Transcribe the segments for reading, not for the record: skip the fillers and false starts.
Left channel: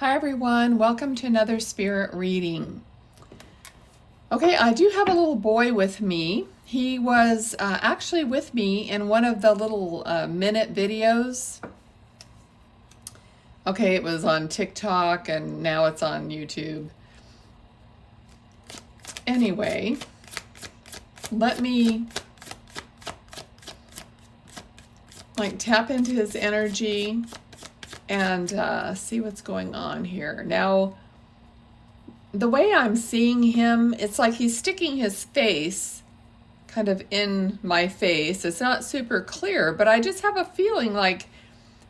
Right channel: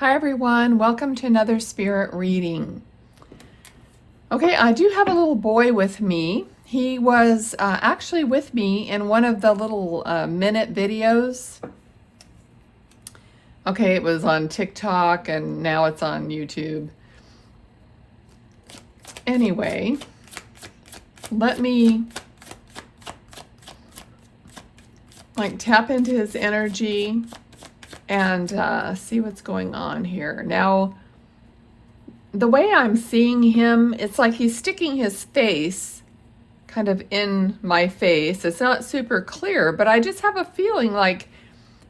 Hi everyone, welcome to another spirit reading. Okay, I do have a little boy with me. He was actually with me in one of the little minute videos. Okay, it was on TikTok and now it's on YouTube. Anyway, let me tap into his energy and see what's going on here. Now, the way I'm seeing him, it's like he's sticking his face kind of in my face. It's not super clear, but I just have a feeling like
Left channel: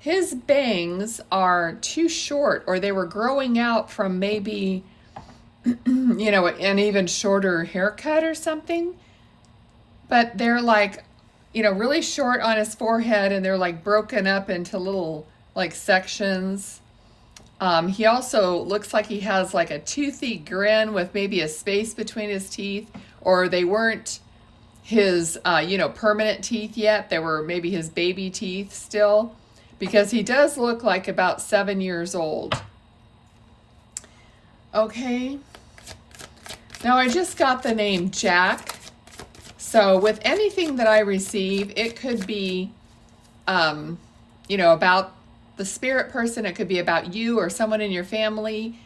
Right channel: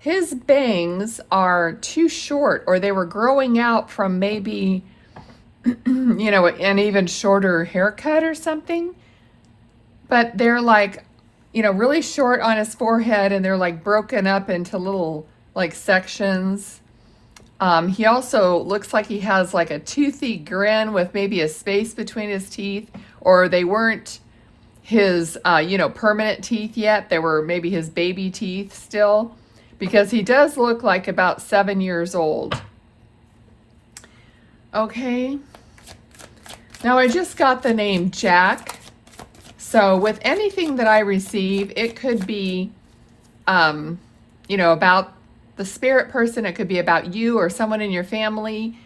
his bangs are too short, or they were growing out from maybe, you know, an even shorter haircut or something. But they're like, you know, really short on his forehead, and they're like broken up into little like sections. He also looks like he has like a toothy grin with maybe a space between his teeth, or they weren't his, you know, permanent teeth yet. They were maybe his baby teeth still, because he does look like about 7 years old. Okay. Now I just got the name Jack. So with anything that I receive, it could be, you know, about the spirit person. It could be about you or someone in your family,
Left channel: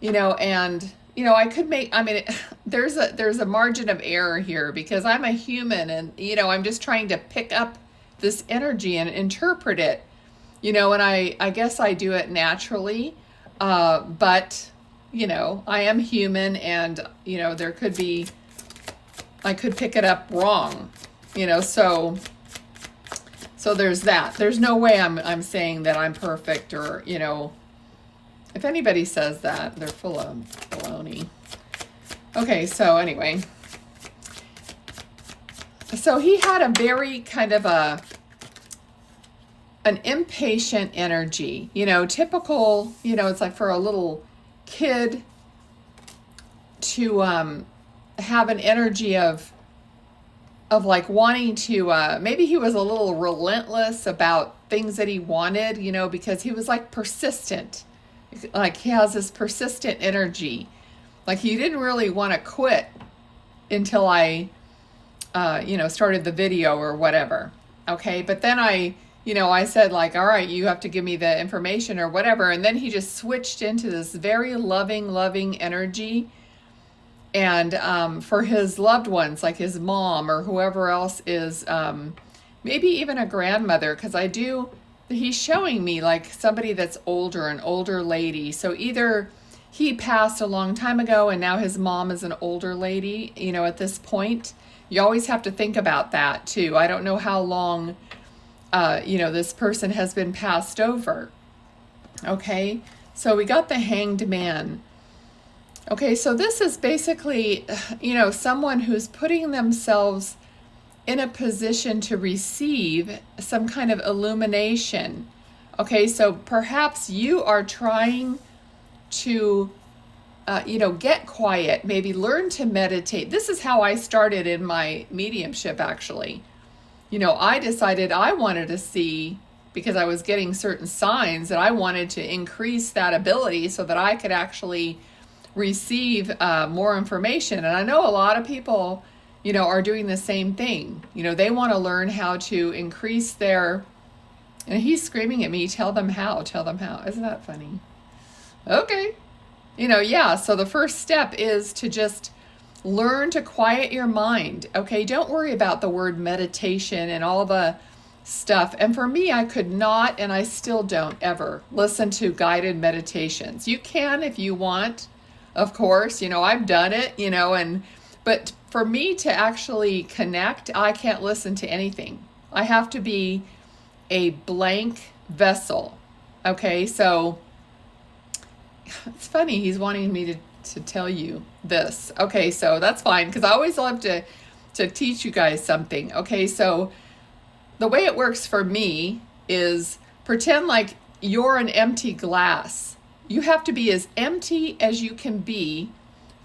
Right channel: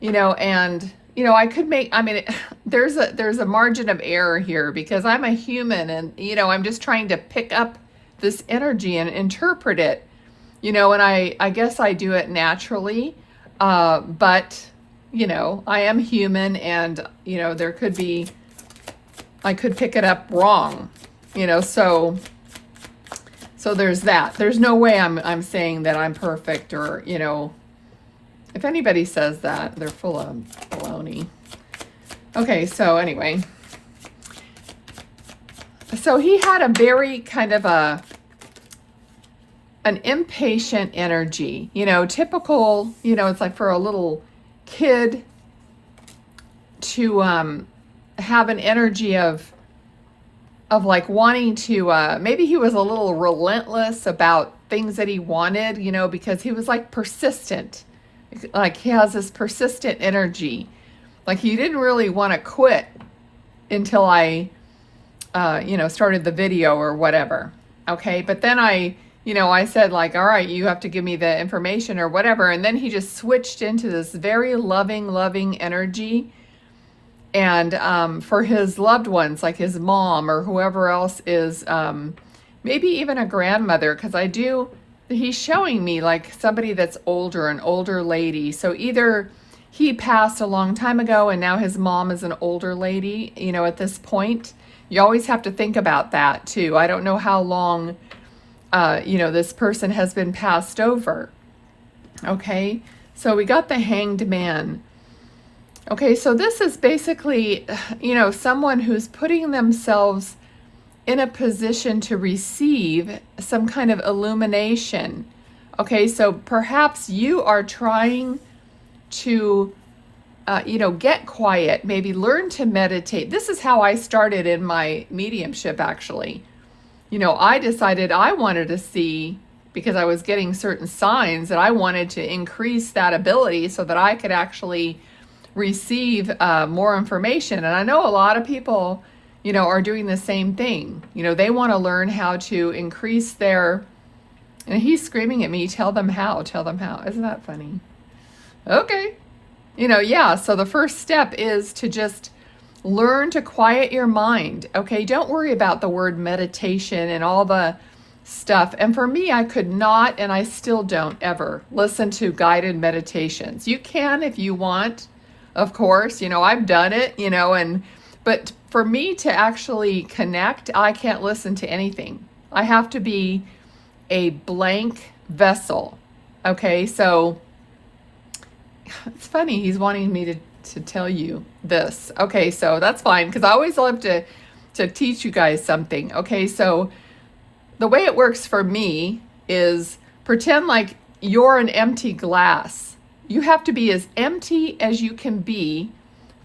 you know, and, you know, I could make, I mean, there's a margin of error here because I'm a human and, you know, I'm just trying to pick up this energy and interpret it, you know, and I guess I do it naturally, but, you know, I am human and, you know, there could be, I could pick it up wrong, you know, so there's that. There's no way I'm saying that I'm perfect, or, you know, if anybody says that, they're full of baloney. Okay, so anyway. So he had a very kind of an impatient energy, you know, typical, you know, it's like for a little kid to have an energy of like wanting to, maybe he was a little relentless about things that he wanted, you know, because he was like persistent. Like he has this persistent energy. Like he didn't really want to quit until I, you know, started the video or whatever. Okay. But then you know, I said like, all right, you have to give me the information or whatever. And then he just switched into this very loving energy. And for his loved ones, like his mom or whoever else is, maybe even a grandmother, because he's showing me like somebody that's older, an older lady. So either he passed a long time ago and now his mom is an older lady, you know, at this point. You always have to think about that too. I don't know how long, you know, this person has been passed over. Okay, so we got the Hanged Man. Okay, so this is basically, you know, someone who's putting themselves in a position to receive some kind of illumination. Okay, so perhaps you are trying to, you know, get quiet, maybe learn to meditate. This is how I started in my mediumship, actually. You know, I decided I wanted to see, because I was getting certain signs, that I wanted to increase that ability so that I could actually receive more information. And I know a lot of people, you know, are doing the same thing. You know, they want to learn how to increase their, and he's screaming at me, tell them how. Isn't that funny? Okay. You know, yeah, so the first step is to just learn to quiet your mind. Okay, don't worry about the word meditation and all the stuff. And for me, I could not, and I still don't ever listen to guided meditations. You can if you want. Of course, you know, I've done it, you know, but for me to actually connect, I can't listen to anything. I have to be a blank vessel. Okay, so it's funny, he's wanting me to tell you this. Okay, so that's fine, because I always love to teach you guys something. Okay, so the way it works for me is pretend like you're an empty glass. You have to be as empty as you can be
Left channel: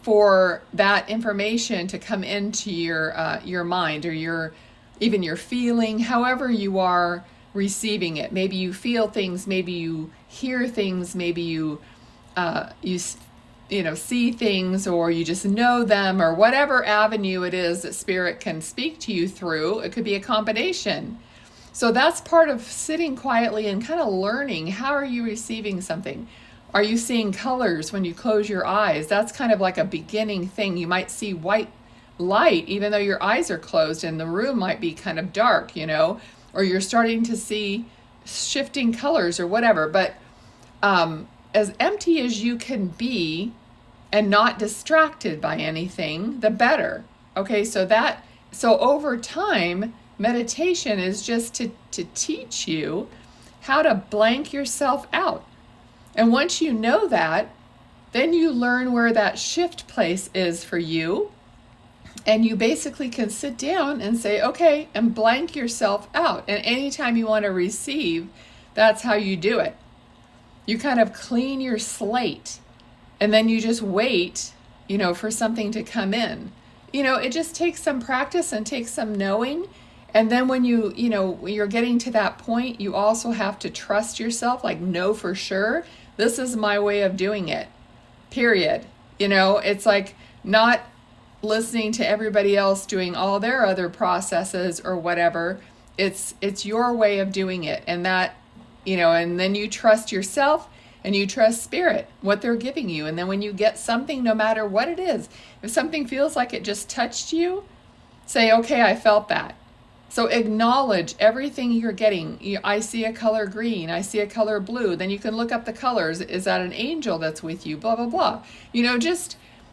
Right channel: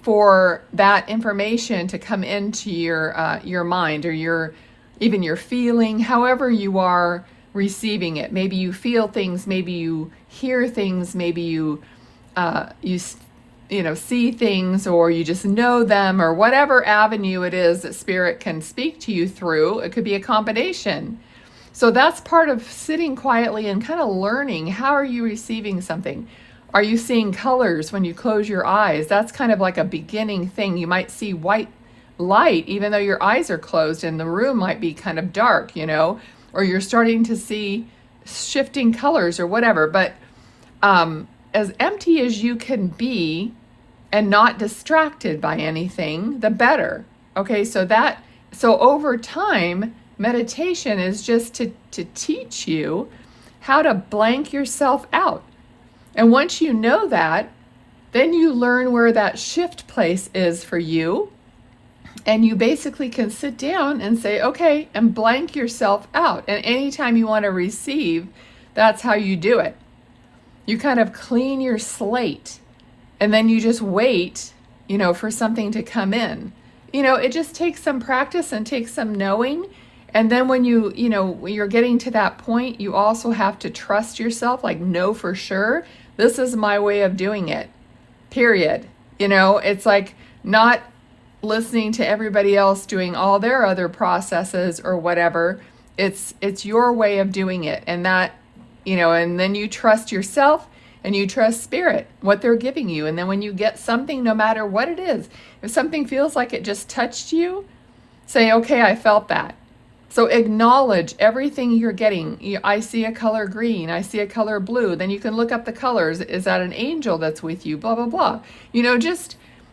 for that information to come into your mind, or even your feeling, however you are receiving it. Maybe you feel things, maybe you hear things, maybe you see things, or you just know them, or whatever avenue it is that spirit can speak to you through. It could be a combination. So that's part of sitting quietly and kind of learning, how are you receiving something? Are you seeing colors when you close your eyes? That's kind of like a beginning thing. You might see white light even though your eyes are closed and the room might be kind of dark, or you're starting to see shifting colors or whatever. But as empty as you can be and not distracted by anything, the better. Okay, so over time, meditation is just to teach you how to blank yourself out. And once you know that, then you learn where that shift place is for you. And you basically can sit down and say, okay, and blank yourself out. And anytime you want to receive, that's how you do it. You kind of clean your slate, and then you just wait, for something to come in. It just takes some practice and takes some knowing. And then when when you're getting to that point, you also have to trust yourself, like know for sure, this is my way of doing it, period. It's like not listening to everybody else doing all their other processes or whatever. It's your way of doing it. And that, and then you trust yourself and you trust spirit, what they're giving you. And then when you get something, no matter what it is, if something feels like it just touched you, say, okay, I felt that. So acknowledge everything you're getting. I see a color green, I see a color blue. Then you can look up the colors. Is that an angel that's with you? Blah, blah, blah.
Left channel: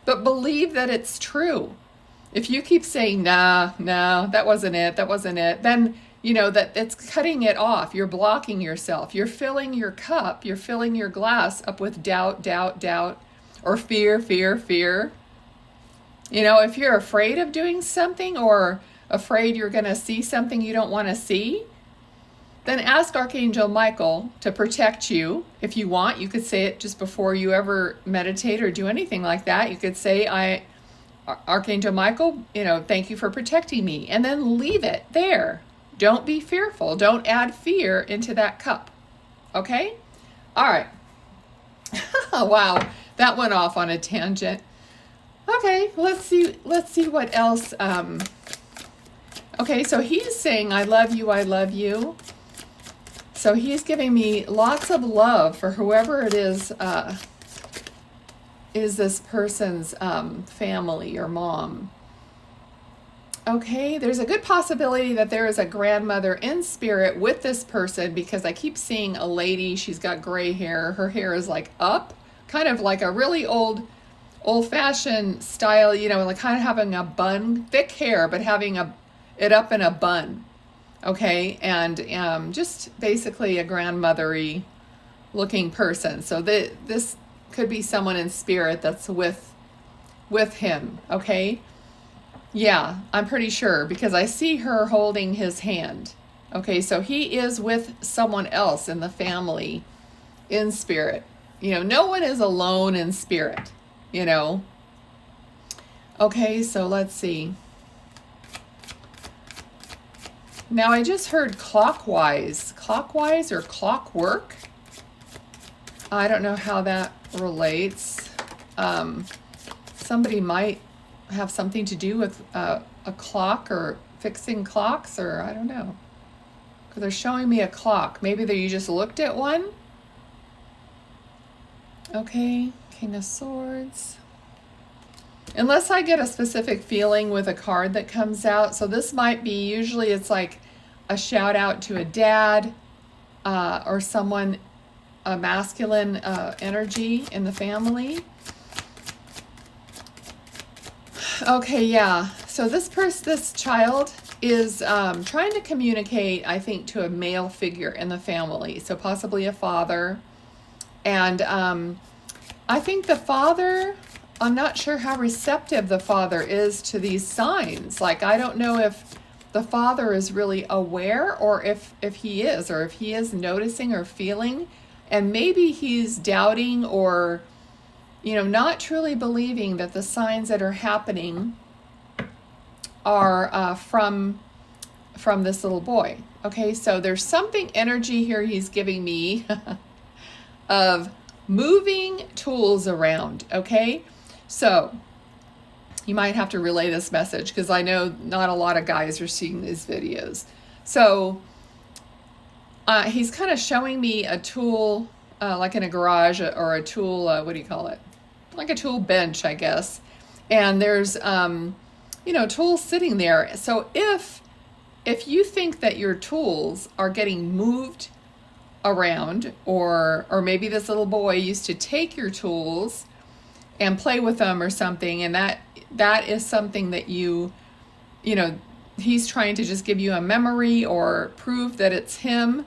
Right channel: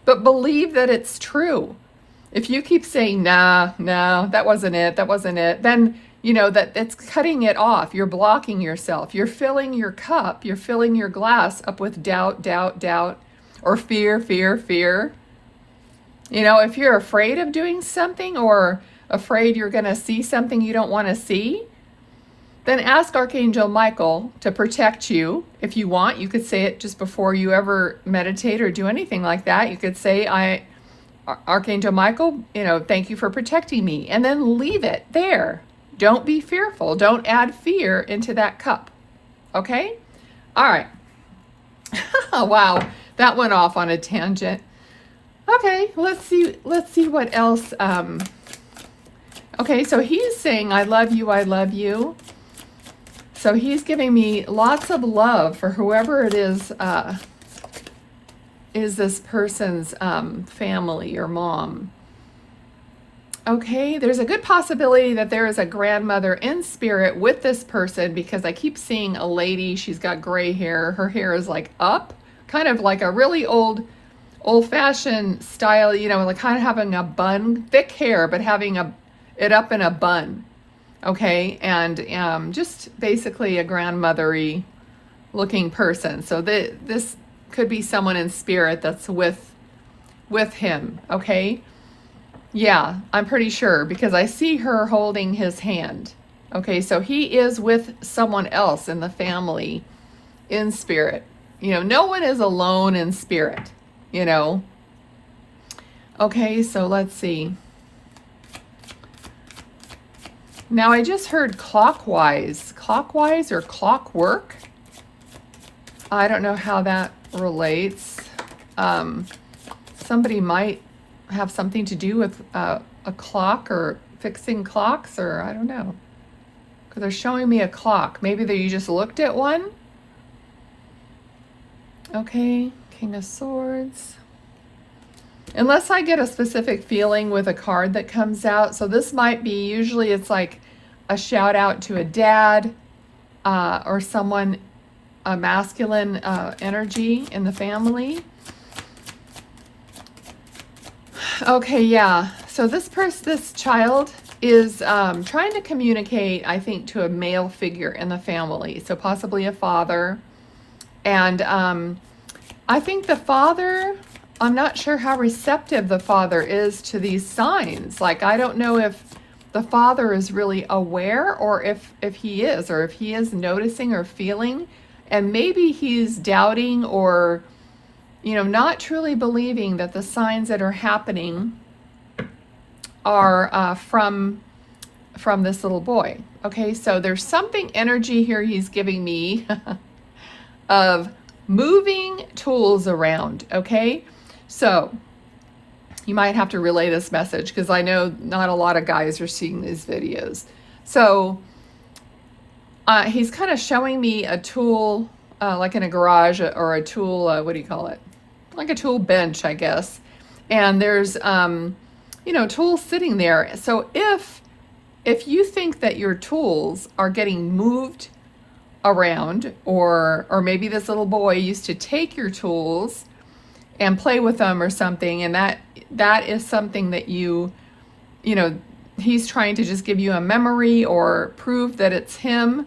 But believe that it's true. If you keep saying, no, that wasn't it, then that it's cutting it off. You're blocking yourself. You're filling your cup, you're filling your glass up with doubt, or fear. If you're afraid of doing something, or afraid you're going to see something you don't want to see, then ask Archangel Michael to protect you. If you want, you could say it just before you ever meditate or do anything like that. You could say, Archangel Michael, thank you for protecting me. And then leave it there. Don't be fearful. Don't add fear into that cup. Okay? All right. Wow, that went off on a tangent. Okay, let's see what else. Okay, so he's saying, I love you, I love you. So he's giving me lots of love for whoever it is this person's family or mom. Okay, there's a good possibility that there is a grandmother in spirit with this person, because I keep seeing a lady, she's got gray hair, her hair is like up, kind of like a really old-fashioned style, like kind of having a bun, thick hair, but having it up in a bun. Okay, and just basically a grandmothery looking person. So this could be someone in spirit that's with him. Okay, yeah, I'm pretty sure, because I see her holding his hand. Okay, so he is with someone else in the family in spirit. No one is alone in spirit. Okay, so let's see. Now I just heard clockwise or clockwork. I don't know how that relates. Somebody might have something to do with a clock or fixing clocks, or I don't know. Because they're showing me a clock. Maybe you just looked at one. Okay, King of Swords. Unless I get a specific feeling with a card that comes out. So this might be, usually it's like a shout out to a dad or someone, a masculine energy in the family. Okay, yeah. So this child is trying to communicate, I think, to a male figure in the family. So possibly a father. And I think the father, I'm not sure how receptive the father is to these signs. Like, I don't know if the father is really aware, or if he is noticing or feeling, and maybe he's doubting or, not truly believing that the signs that are happening are from from this little boy. Okay, so there's something energy here he's giving me of moving tools around. Okay, so you might have to relay this message because I know not a lot of guys are seeing these videos. So he's kind of showing me a tool like in a garage, or a tool, what do you call it? Like a tool bench, I guess. And there's, you know, tools sitting there. So if you think that your tools are getting moved around, or maybe this little boy used to take your tools and play with them or something, and that is something that you know, he's trying to just give you a memory or prove that it's him.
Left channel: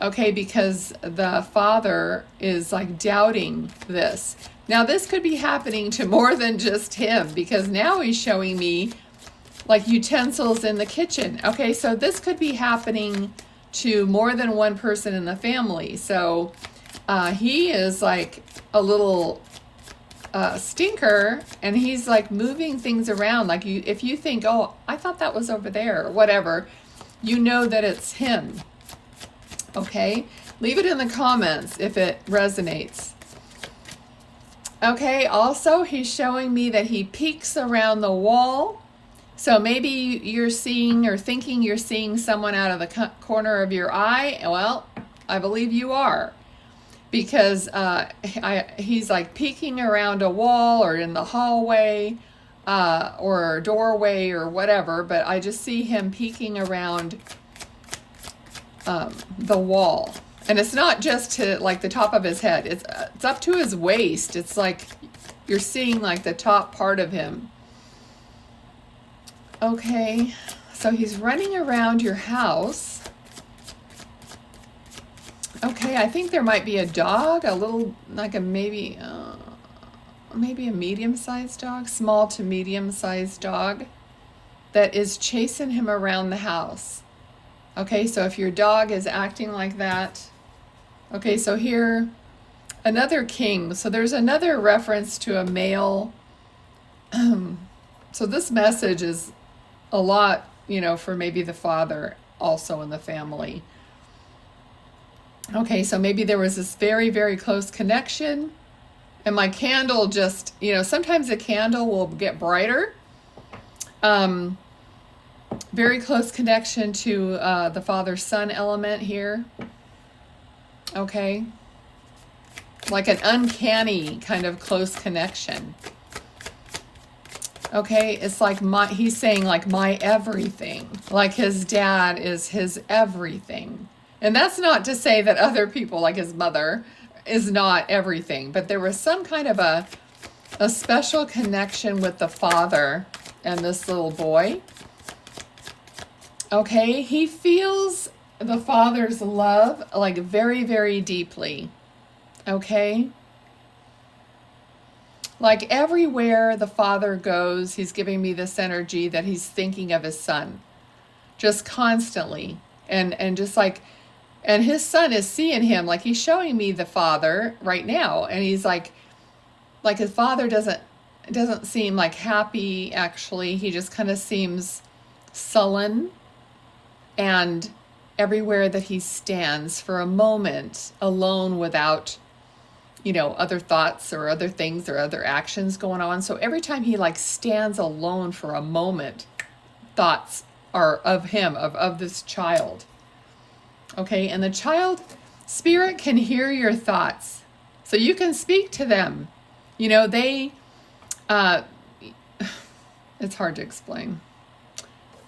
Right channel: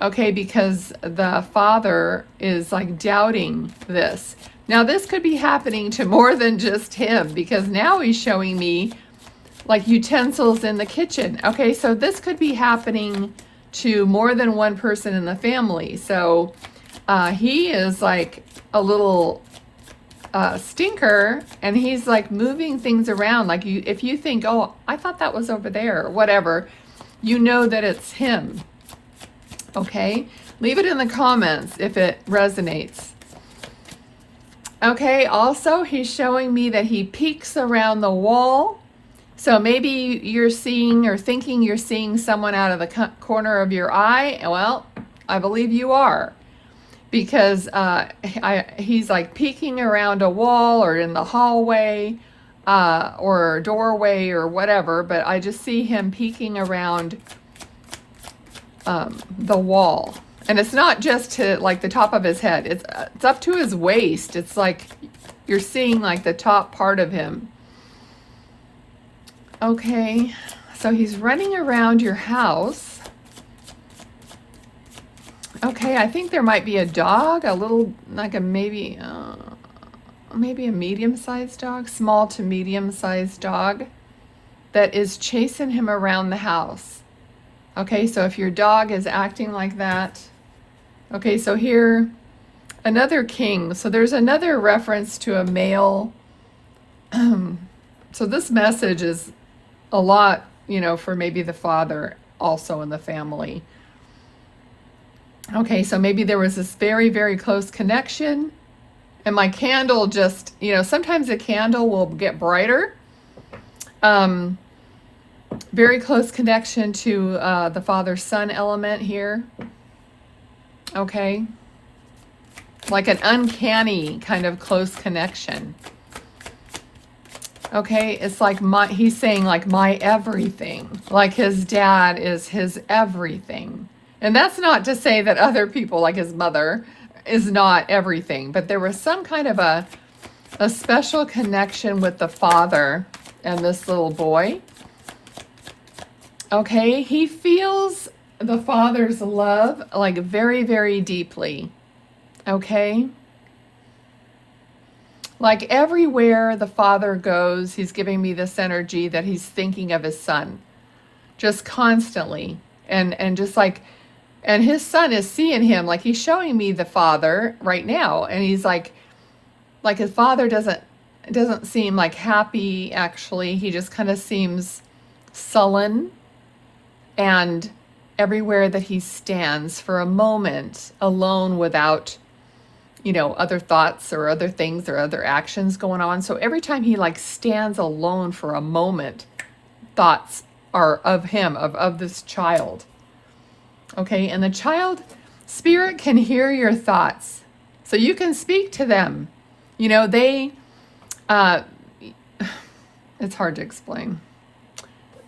Okay, because the father is like doubting this. Now this could be happening to more than just him, because now he's showing me like utensils in the kitchen. Okay, so this could be happening to more than one person in the family. So he is like a little stinker, and he's like moving things around. Like if you think, oh, I thought that was over there, or whatever, you know that it's him. Okay, leave it in the comments if it resonates. Okay, also he's showing me that he peeks around the wall. So maybe you're seeing or thinking you're seeing someone out of the corner of your eye. Well, I believe you are, because he's like peeking around a wall or in the hallway or doorway or whatever, but I just see him peeking around the wall. And it's not just to like the top of his head, it's up to his waist. It's like you're seeing like the top part of him. Okay, so he's running around your house. Okay, I think there might be a dog, a little, like a maybe a medium-sized dog, small to medium-sized dog that is chasing him around the house. Okay, so if your dog is acting like that. Okay, so here, another king. So there's another reference to a male. So this message is a lot, you know, for maybe the father also in the family. Okay, so maybe there was this very, very close connection. And my candle just, you know, sometimes a candle will get brighter. Very close connection to the father-son element here. Okay. Like an uncanny kind of close connection. Okay, it's like he's saying like my everything. Like his dad is his everything. And that's not to say that other people, like his mother, is not everything. But there was some kind of a special connection with the father and this little boy. Okay, he feels the father's love like very, very deeply. Okay? Like everywhere the father goes, he's giving me this energy that he's thinking of his son. Just constantly. And just like, and his son is seeing him, like he's showing me the father right now. And he's like his father doesn't seem like happy, actually. He just kind of seems sullen. And everywhere that he stands for a moment alone without, you know, other thoughts or other things or other actions going on. So every time he like stands alone for a moment, thoughts are of him, of this child. Okay, and the child spirit can hear your thoughts. So you can speak to them. You know, they, it's hard to explain.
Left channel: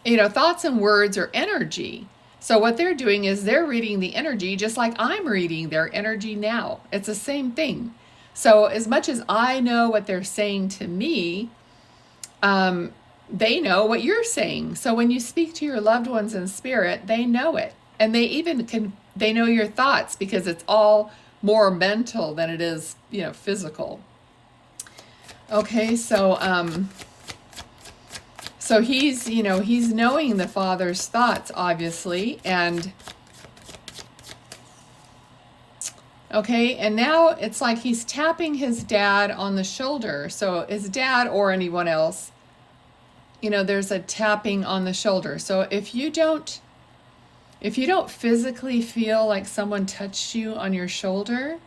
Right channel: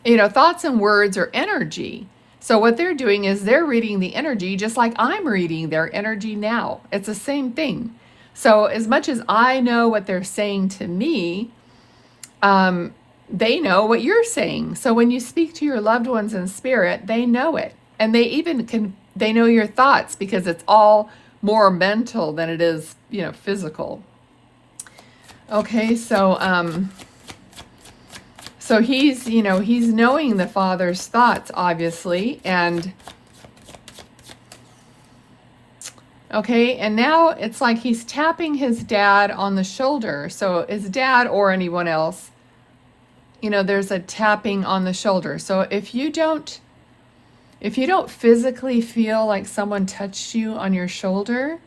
You know, thoughts and words are energy. So what they're doing is they're reading the energy just like I'm reading their energy now. It's the same thing. So as much as I know what they're saying to me, they know what you're saying. So when you speak to your loved ones in spirit, they know it. And they even they know your thoughts, because it's all more mental than it is, you know, physical. Okay, so so he's, you know, he's knowing the father's thoughts, obviously, and okay, and now it's like he's tapping his dad on the shoulder. So his dad or anyone else there's a tapping on the shoulder. So if you don't physically feel like someone touched you on your shoulder,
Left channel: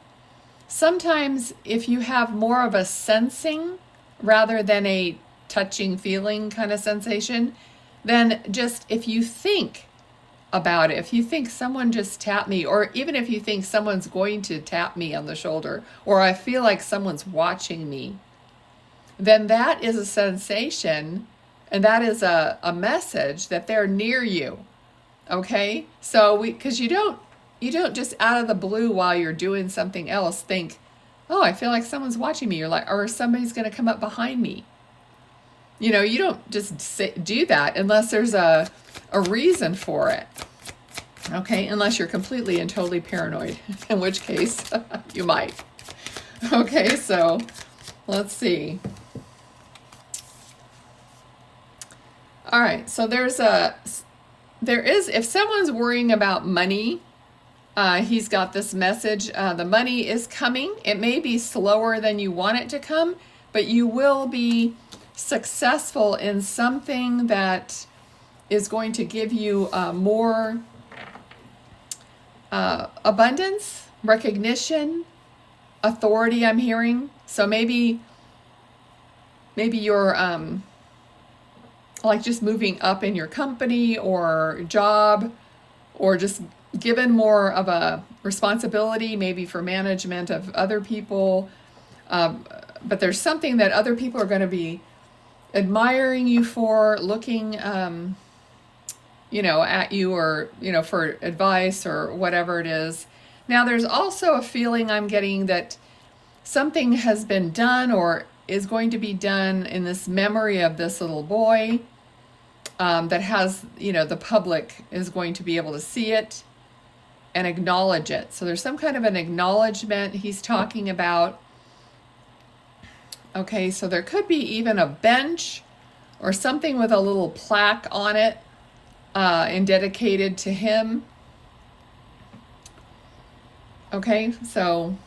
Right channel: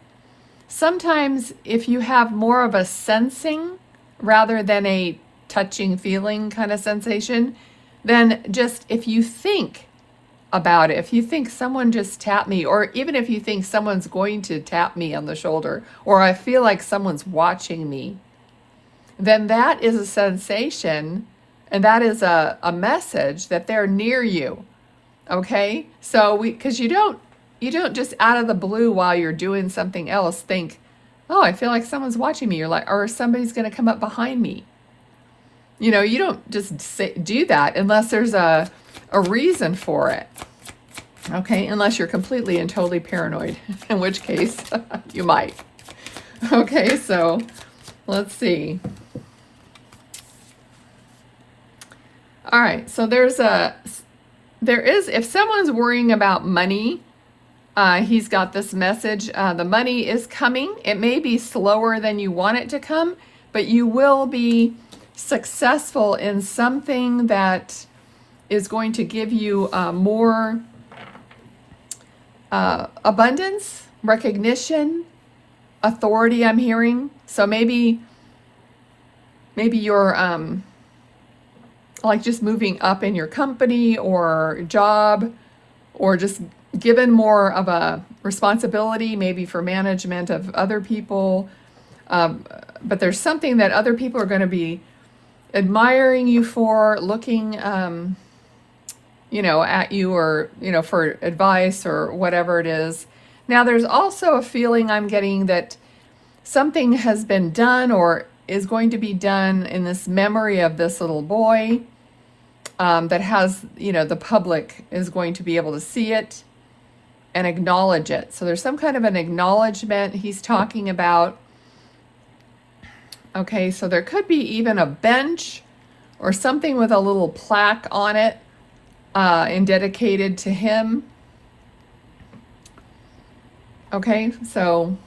sometimes if you have more of a sensing rather than a touching feeling kind of sensation, then just if you think about it, if you think someone just tapped me, or even if you think someone's going to tap me on the shoulder, or I feel like someone's watching me, then that is a sensation, and that is a message that they're near you. Okay? So because you don't just out of the blue while you're doing something else think, oh, I feel like someone's watching me, or somebody's going to come up behind me. You don't just do that unless there's a reason for it. Okay? Unless you're completely and totally paranoid, in which case you might. Okay, so let's see. All right, so there is, if someone's worrying about money, he's got this message. The money is coming. It may be slower than you want it to come, but you will be successful in something that is going to give you more abundance, recognition, authority, I'm hearing. So maybe you're like just moving up in your company or job, or just given more of a responsibility, maybe for management of other people. But there's something that other people are going to be admiring you for, looking, at you, or, for advice or whatever it is. Now, there's also a feeling I'm getting that something has been done or is going to be done in this memory of this little boy, that has, the public is going to be able to see it and acknowledge it. So there's some kind of an acknowledgement he's talking about. Okay, so there could be even a bench or something with a little plaque on it, and dedicated to him. Okay, so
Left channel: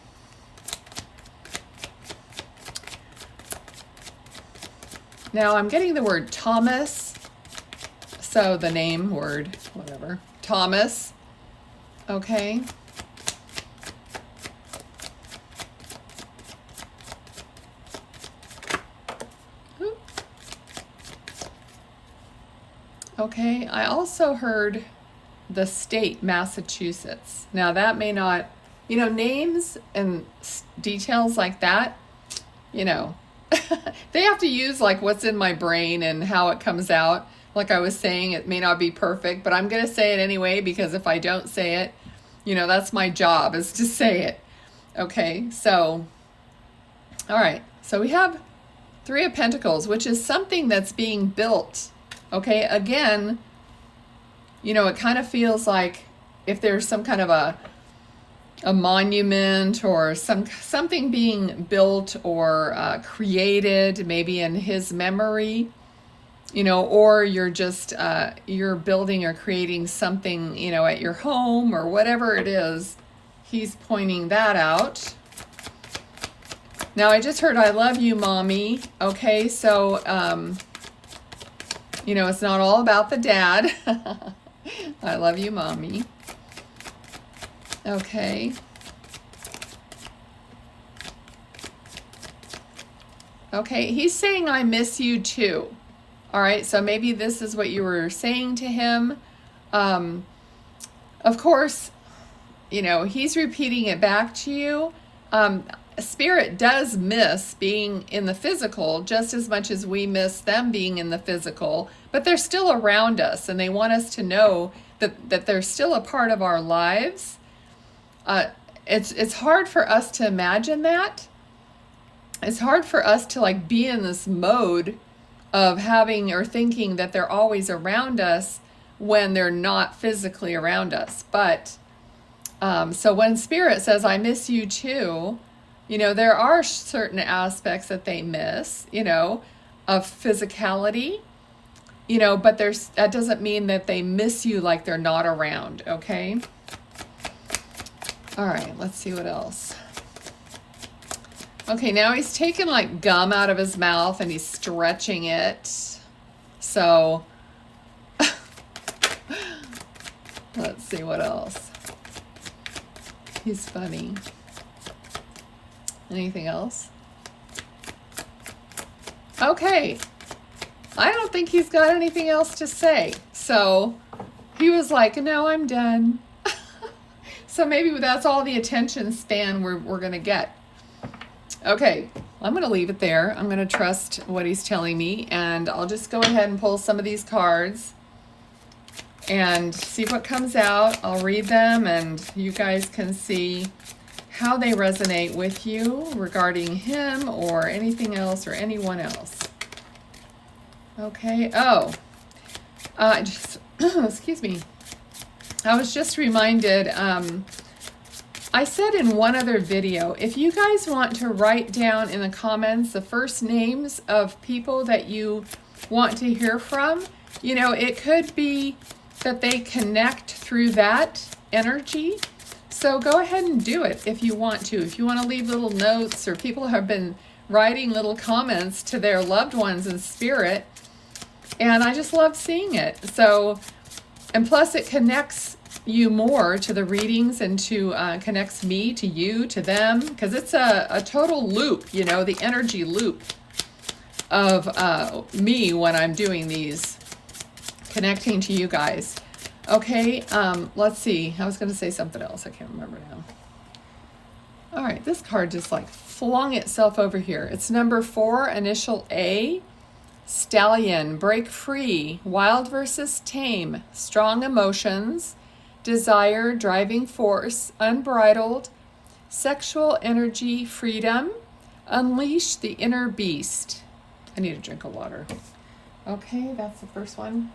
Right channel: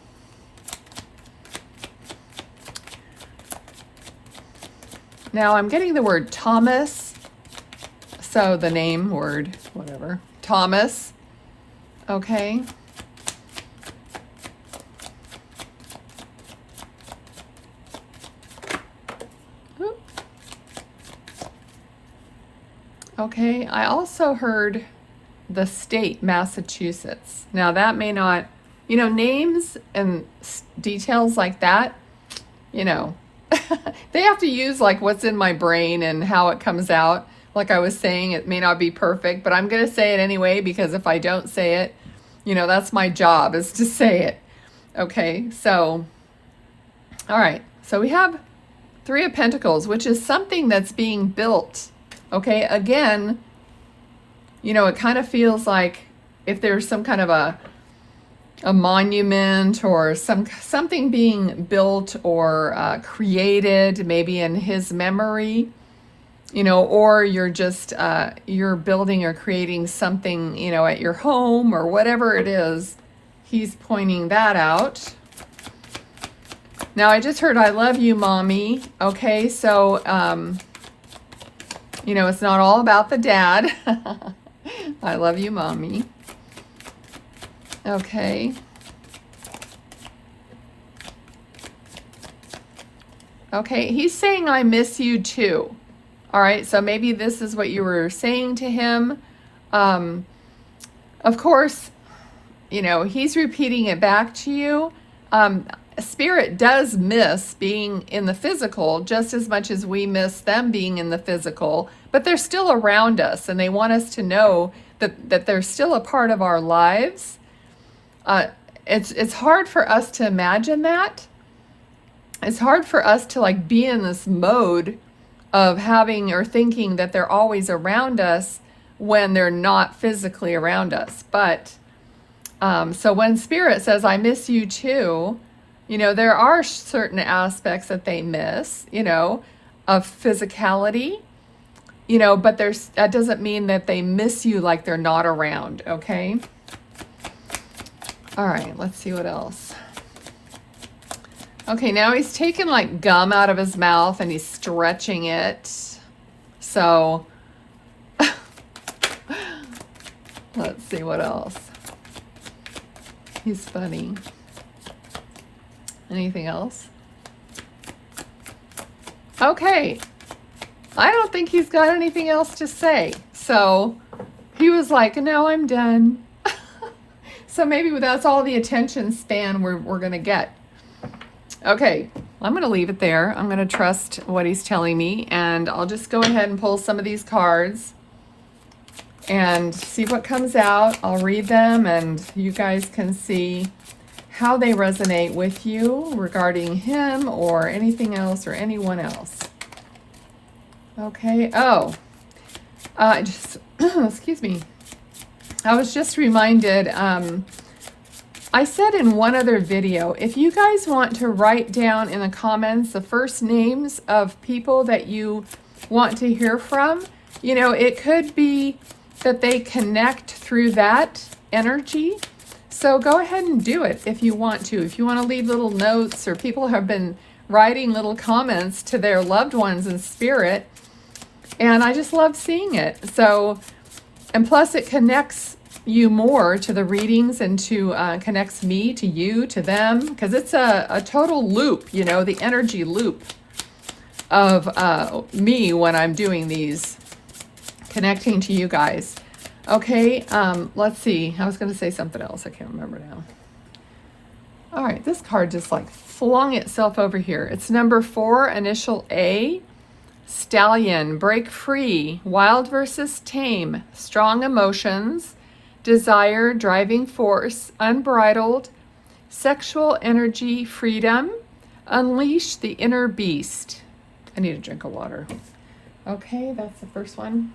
now I'm getting the word Thomas. So the name, word, whatever, Thomas. Okay. Okay, I also heard the state, Massachusetts. Now that may not, names and details like that, they have to use like what's in my brain and how it comes out. Like I was saying, it may not be perfect, but I'm going to say it anyway, because if I don't say it, that's my job, is to say it. Okay, so, all right. So we have Three of Pentacles, which is something that's being built. Okay, again, it kind of feels like if there's some kind of a monument or something being built or created, maybe in his memory, or you're just, you're building or creating something, at your home or whatever it is, he's pointing that out. Now, I just heard, I love you, mommy. Okay, so, it's not all about the dad. I love you, mommy. Okay. Okay, he's saying, I miss you too. All right, so maybe this is what you were saying to him. Of course, he's repeating it back to you. Spirit does miss being in the physical just as much as we miss them being in the physical, but they're still around us, and they want us to know that they're still a part of our lives. It's hard for us to imagine that. It's hard for us to like be in this mode of having or thinking that they're always around us when they're not physically around us. But so when Spirit says, I miss you too, there are certain aspects that they miss, of physicality, but that doesn't mean that they miss you like they're not around, okay? All right, let's see what else. Okay, now he's taking like gum out of his mouth and he's stretching it. So let's see what else. He's funny. Anything else? Okay. I don't think he's got anything else to say. So he was like, no, I'm done. So maybe that's all the attention span we're going to get. Okay, I'm going to leave it there. I'm going to trust what he's telling me, and I'll just go ahead and pull some of these cards and see what comes out. I'll read them, and you guys can see how they resonate with you regarding him or anything else or anyone else. Okay, excuse me. I was just reminded, I said in one other video, if you guys want to write down in the comments the first names of people that you want to hear from, you know, it could be that they connect through that energy. So go ahead and do it if you want to. If you want to leave little notes, or people have been writing little comments to their loved ones in spirit, and I just love seeing it. So, and plus it connects you more to the readings, and to connects me to you, to them, because it's a total loop, you know, the energy loop of me when I'm doing these, connecting to you guys. Okay, let's see. I was going to say something else. I can't remember now. All right, this card just like flung itself over here. It's number 4, initial A. Stallion, break free, wild versus tame, strong emotions, desire, driving force, unbridled, sexual energy, freedom, unleash the inner beast. I need a drink of water. Okay, that's the first one.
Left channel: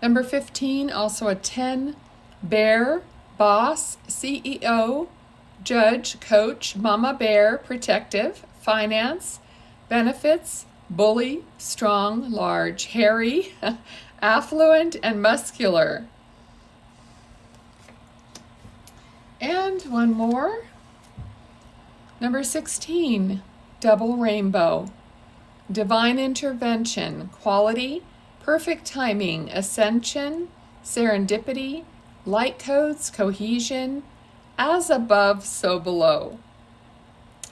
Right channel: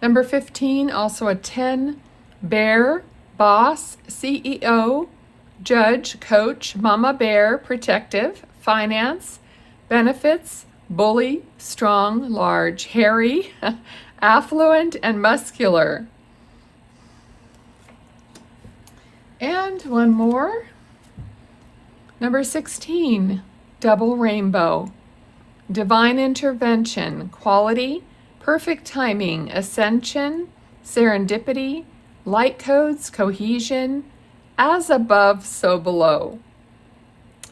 Number 15, also a 10, bear, boss, CEO, judge, coach, mama bear, protective, finance, benefits, bully, strong, large, hairy, affluent, and muscular. And one more. Number 16, double rainbow, divine intervention, quality, perfect timing, ascension, serendipity, light codes, cohesion, as above, so below.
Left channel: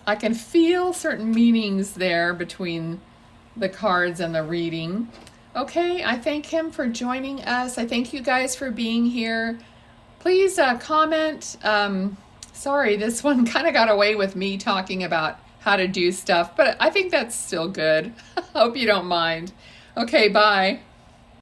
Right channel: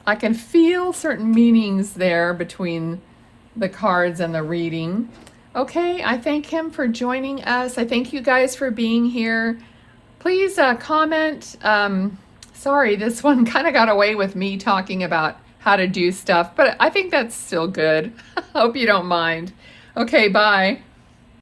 I can feel certain meanings there between the cards and the reading. Okay, I thank him for joining us. I thank you guys for being here. Please comment. Sorry, this one kind of got away with me talking about how to do stuff, but I think that's still good. Hope you don't mind. Okay, bye.